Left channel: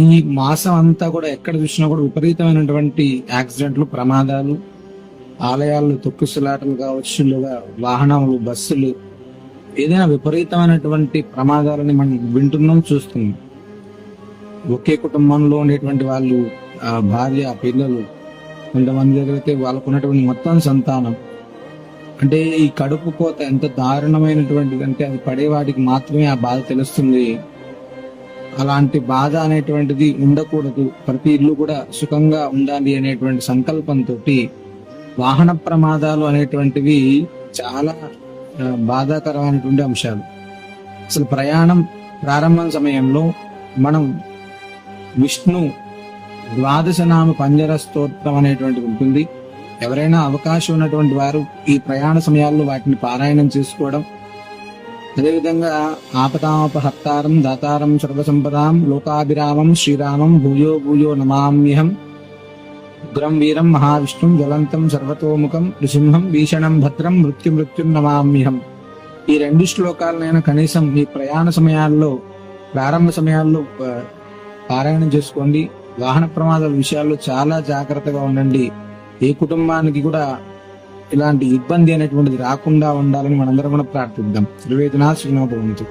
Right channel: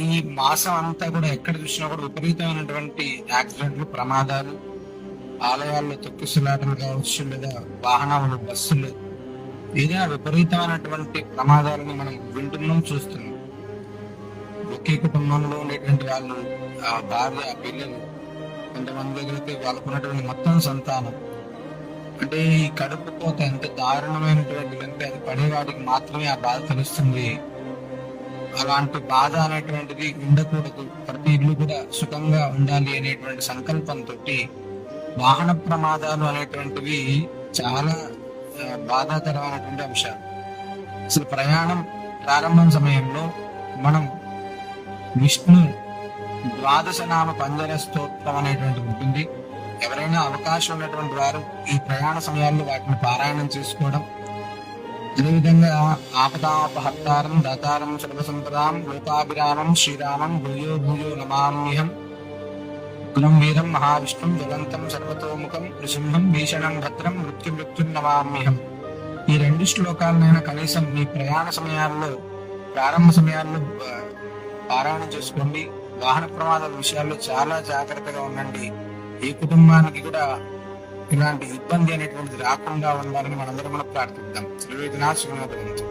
ఈ మాసం అంతా కూడా ఎక్కడ చూసినా కూడా విపరీతమైనటువంటి యాక్సిడెంట్లు, ప్రమాదాలు, ఆలయాల్లో తొక్కిసలాటలు కావచ్చు, లేదా వాహనాలు, బస్సులు, ఏదైనా విపరీతమైనటువంటి ప్రమాదాలని మనం వింటున్నాం, చూస్తున్నాం. ఒకే కుటుంబంలో ఉండేటువంటి వాళ్ళు, ఆ భార్య, పిల్లలు, కొంతమంది దగ్గర అయితే వాళ్ళకు ఉన్నటువంటి మొత్తం సంతానం. అంటే ఈ కడుపు కోత ఎంత దారుణమైనటువంటిది అంటే అది పడేవాడికి మాత్రమే ఆ బాధ తెలుస్తుంది. అలాంటి బాధ అనేటువంటిది ఉండకూడదు. ప్రతి ఇల్లు కూడా సుఖంగా ఉండాలి అనేటువంటి సంకల్పంతో వాహన ప్రమాదాలు అనేటువంటివి చాలా బాధాకరమైనటువంటి అంశాలు. అసలు ప్రయాణం ప్రారంభం సమయంలో మనం విష్ణు ద్వాదశనామ పంజర స్తోత్రం అనేటువంటిది ఉంటుంది. ఎవరైనా అవకాశం ఉన్నటువంటి వారు ఈ ప్రయాణ సమయాల్లో వాటిని పారాయణం చేసుకోవడం, అదేవిధంగా ఆపదాపహర్తారం దాతారం సర్వసంపదాం లోకాభిరామం శ్రీరామం భూయో భూయో నమామ్యహం ఉగ్రం వీరం మహావిష్ణుం జ్వలంతం సర్వతోముఖం నృసింహం భీషణం భద్రం మృత్యుం నమామ్యహం. ఈ 2 శ్లోకాలనైనా కనీసం మీ ప్రయాణ సమయాల్లో, ప్రారంభ సమయాల్లో పారాయణం చేసుకోండి. వాహన ప్రమాదాల విషయాల్లో చాలా జాగ్రత్తగా ఉండండి. ఏ కుటుంబానికి కూడా ఇలాంటి ఇబ్బంది అనేటువంటిది రాకుండా ఉండాలని మనందరం కూడా ప్రార్థిద్దాం. శ్రీవేదనా శ్రీనాథవంతు.